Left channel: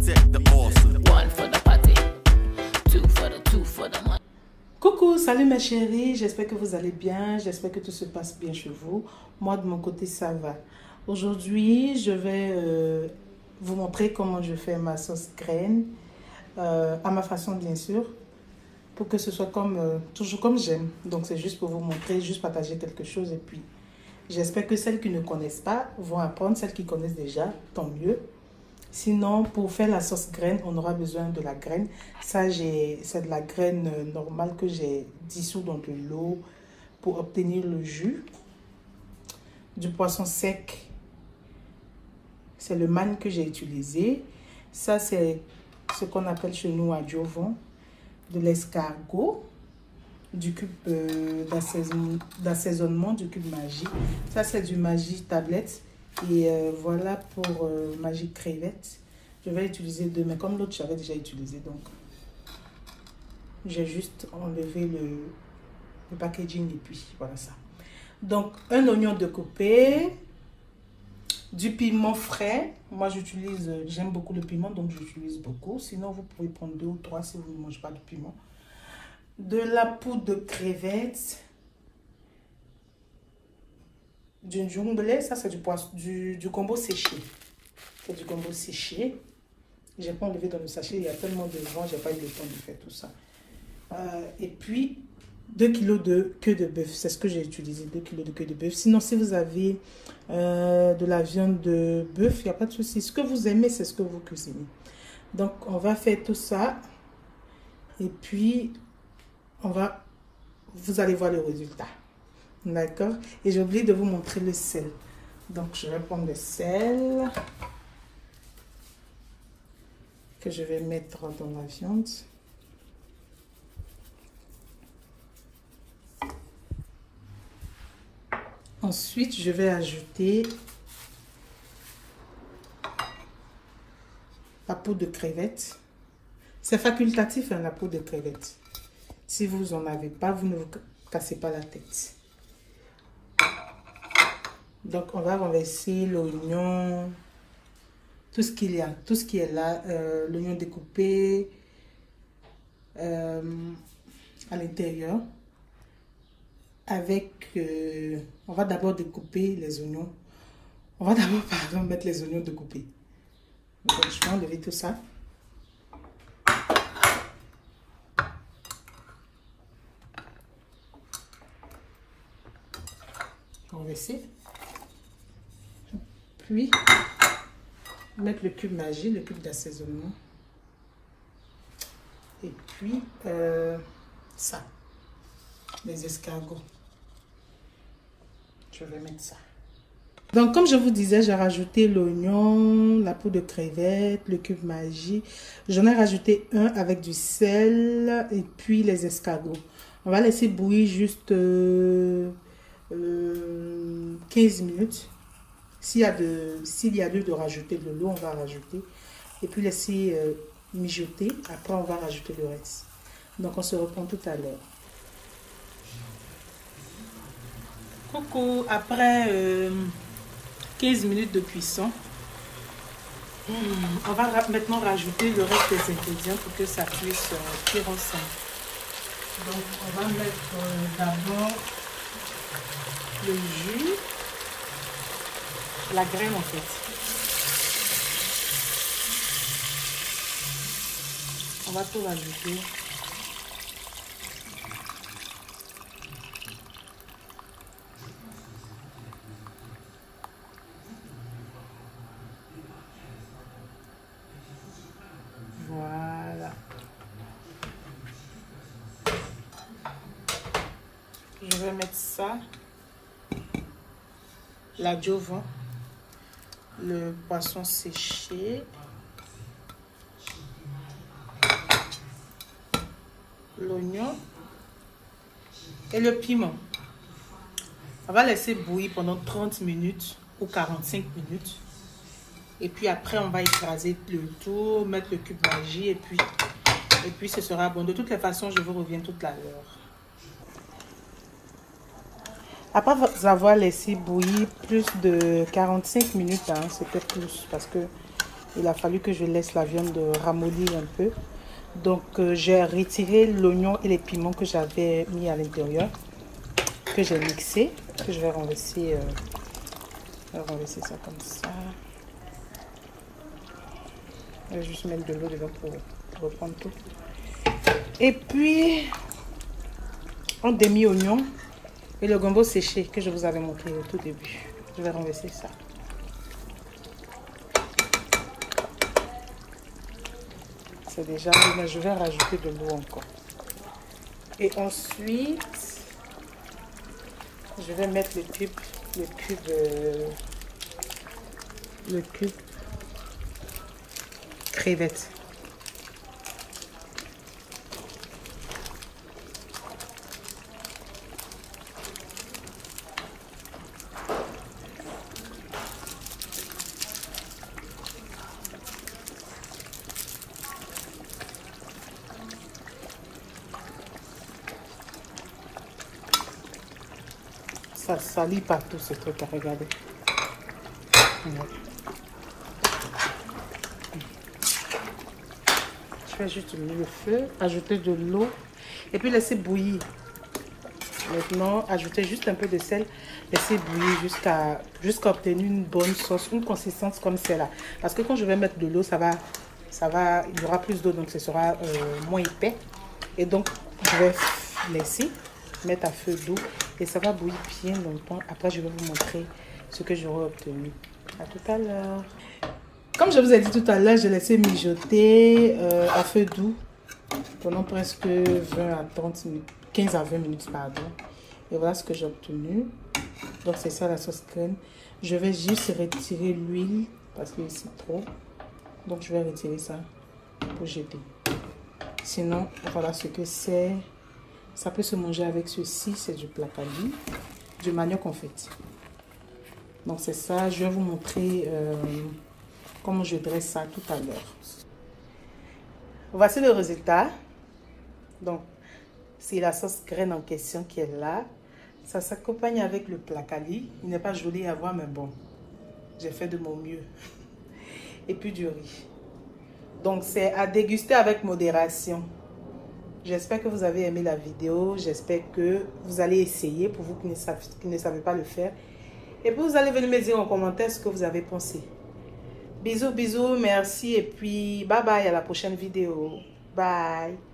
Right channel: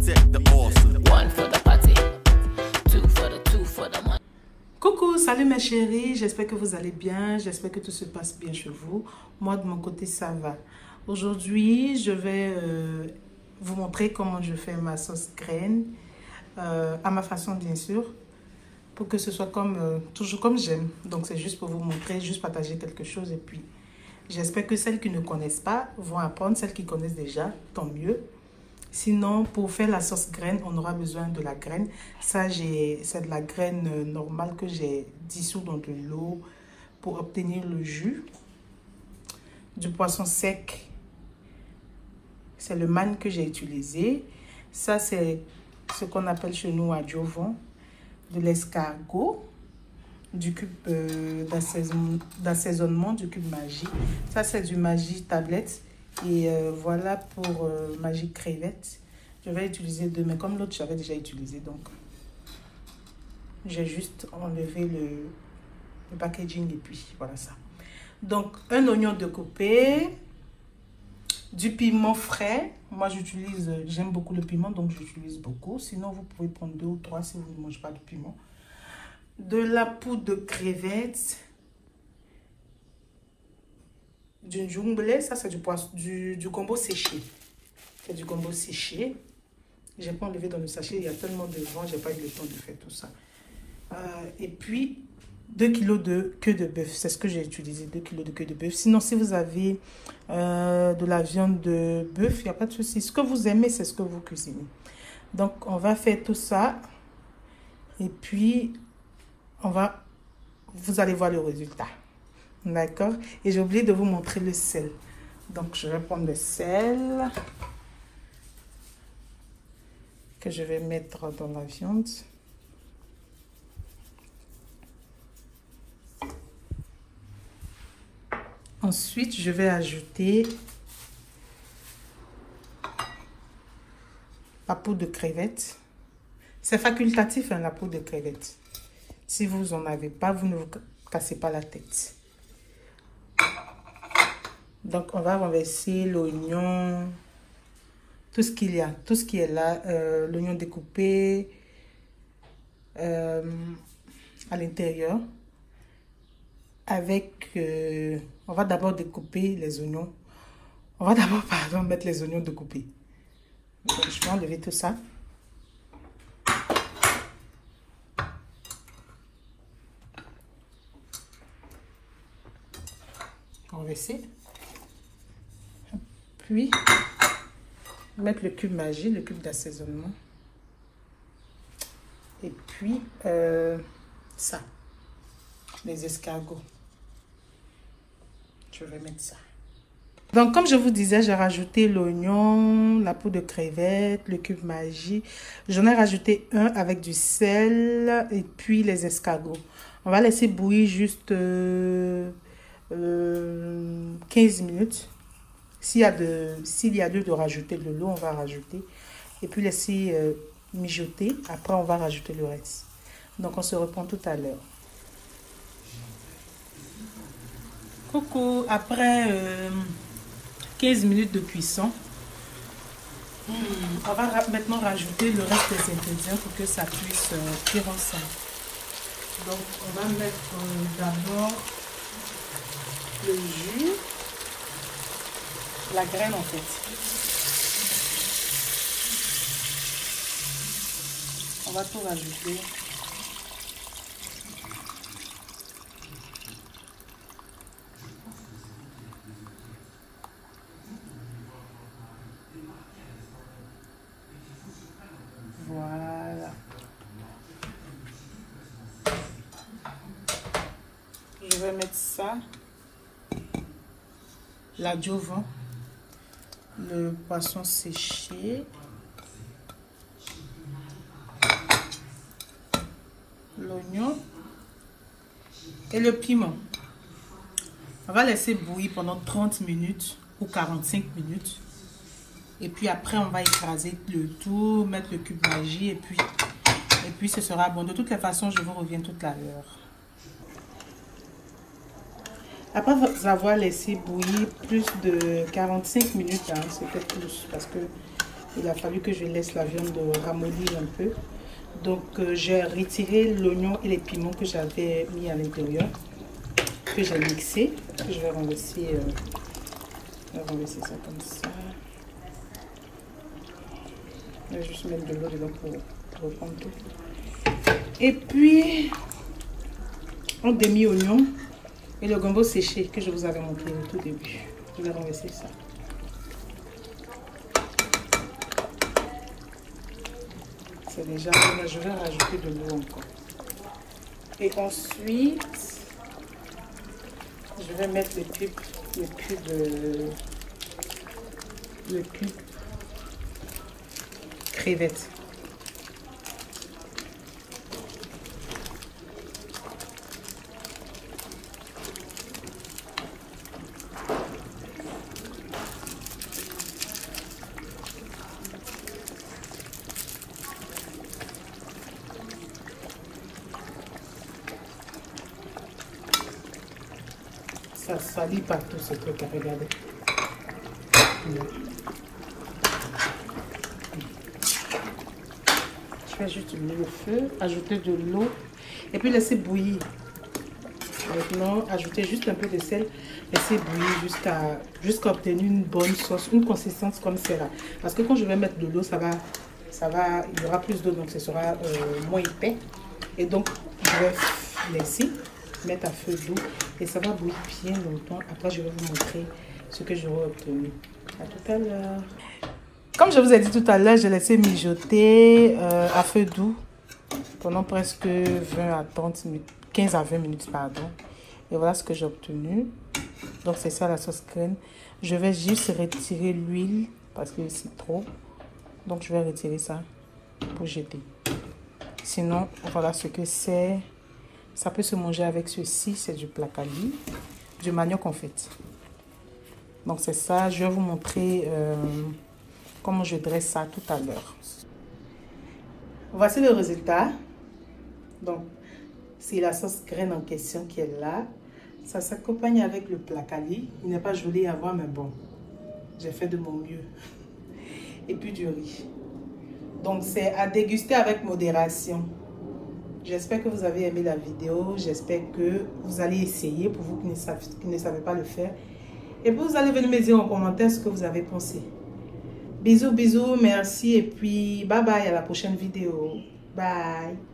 protect the awesome. One for the party, two for the money. Coucou, salut mes chéris, j'espère que vous allez bien, j'espère que tout se passe bien chez vous. Moi de mon côté ça va. Aujourd'hui je vais vous montrer comment je fais ma sauce graine, à ma façon bien sûr, pour que ce soit comme toujours comme j'aime. Donc c'est juste pour vous montrer, juste partager quelque chose et puis j'espère que celles qui ne connaissent pas vont apprendre, celles qui connaissent déjà, tant mieux. Sinon, pour faire la sauce graine, on aura besoin de la graine. Ça, c'est de la graine normale que j'ai dissous dans de l'eau pour obtenir le jus. Du poisson sec, c'est le manne que j'ai utilisé. Ça, c'est ce qu'on appelle chez nous à Jovan, de l'escargot, du cube d'assaisonnement, du cube Maggi. Ça, c'est du Maggi tablette. Et voilà pour Maggi crevette. Je vais utiliser deux, mais comme l'autre j'avais déjà utilisé, donc j'ai juste enlevé le packaging et puis voilà ça. Donc un oignon découpé, du piment frais. Moi j'aime beaucoup le piment, donc j'utilise beaucoup. Sinon vous pouvez prendre 2 ou 3 si vous ne mangez pas de piment. De la poudre de crevettes. Du jumblé, ça c'est du poisson, du gombo séché. C'est du gombo séché. J'ai pas enlevé dans le sachet, il y a tellement de vent, j'ai pas eu le temps de faire tout ça. Et puis 2 kg de queue de bœuf, c'est ce que j'ai utilisé, 2 kg de queue de bœuf. Sinon, si vous avez de la viande de bœuf, il n'y a pas de souci. Ce que vous aimez, c'est ce que vous cuisinez. Donc, on va faire tout ça. Et puis, vous allez voir le résultat. D'accord? Et j'ai oublié de vous montrer le sel. Donc, je vais prendre le sel que je vais mettre dans la viande. Ensuite, je vais ajouter la poudre de crevettes. C'est facultatif, hein, la poudre de crevettes. Si vous n'en avez pas, vous ne vous cassez pas la tête. Donc, on va renverser l'oignon, tout ce qu'il y a, tout ce qui est là, l'oignon découpé à l'intérieur. Avec, on va d'abord découper les oignons. On va d'abord, pardon, mettre les oignons découpés. Donc, je vais enlever tout ça. Renverser. Puis, mettre le cube Maggi, le cube d'assaisonnement. Et puis, ça, les escargots. Je vais mettre ça. Donc, comme je vous disais, j'ai rajouté l'oignon, la poudre de crevettes, le cube Maggi. J'en ai rajouté un avec du sel et puis les escargots. On va laisser bouillir juste 15 minutes. S'il y a lieu de rajouter de l'eau, on va rajouter. Et puis laisser mijoter. Après, on va rajouter le reste. Donc, on se reprend tout à l'heure. Coucou, après 15 minutes de cuisson, on va maintenant rajouter le reste des ingrédients pour que ça puisse cuire ensemble. Donc, on va mettre d'abord le jus. La graine en fait. On va tout rajouter. Voilà. Je vais mettre ça. La Jovan. Le poisson séché, l'oignon et le piment. On va laisser bouillir pendant 30 minutes ou 45 minutes. Et puis après, on va écraser le tout, mettre le cube Maggi et puis ce sera bon. De toutes les façons, je vous reviens tout à l'heure. Après avoir laissé bouillir plus de 45 minutes, hein, c'était plus parce que Il a fallu que je laisse la viande ramollir un peu. Donc, j'ai retiré l'oignon et les piments que j'avais mis à l'intérieur, que j'ai mixé, que je vais renverser ça comme ça. Je vais juste mettre de l'eau dedans pour reprendre tout. Et puis, un demi-oignon et le gombo séché que je vous avais montré au tout début. Je vais renverser ça. C'est déjà, là, je vais rajouter de l'eau encore. Et ensuite, je vais mettre le cube crevettes. Ça salit partout ce truc à regarder. Je vais juste mettre le feu, ajouter de l'eau et puis laisser bouillir. Maintenant, ajouter juste un peu de sel, laisser bouillir jusqu'à obtenir une bonne sauce, une consistance comme celle-là. Parce que quand je vais mettre de l'eau, il y aura plus d'eau, donc ce sera moins épais. Et donc, je vais laisser mettre à feu doux et ça va bouillir bien longtemps. Après, je vais vous montrer ce que j'aurai obtenu. À tout à l'heure. Comme je vous ai dit tout à l'heure, j'ai laissé mijoter à feu doux pendant presque 20 à 30 minutes, 15 à 20 minutes, pardon. Et voilà ce que j'ai obtenu. Donc, c'est ça la sauce crème. Je vais juste retirer l'huile parce que c'est trop. Donc, je vais retirer ça pour jeter. Sinon, voilà ce que c'est. Ça peut se manger avec ceci, c'est du placali, du manioc en fait. Donc c'est ça, je vais vous montrer comment je dresse ça tout à l'heure. Voici le résultat. Donc c'est la sauce graine en question qui est là. Ça s'accompagne avec le placali. Il n'est pas joli à voir mais bon, j'ai fait de mon mieux. Et puis du riz. Donc c'est à déguster avec modération. J'espère que vous avez aimé la vidéo. J'espère que vous allez essayer pour vous qui ne savez pas le faire. Et puis vous allez venir me dire en commentaire ce que vous avez pensé. Bisous, bisous, merci et puis bye bye à la prochaine vidéo. Bye.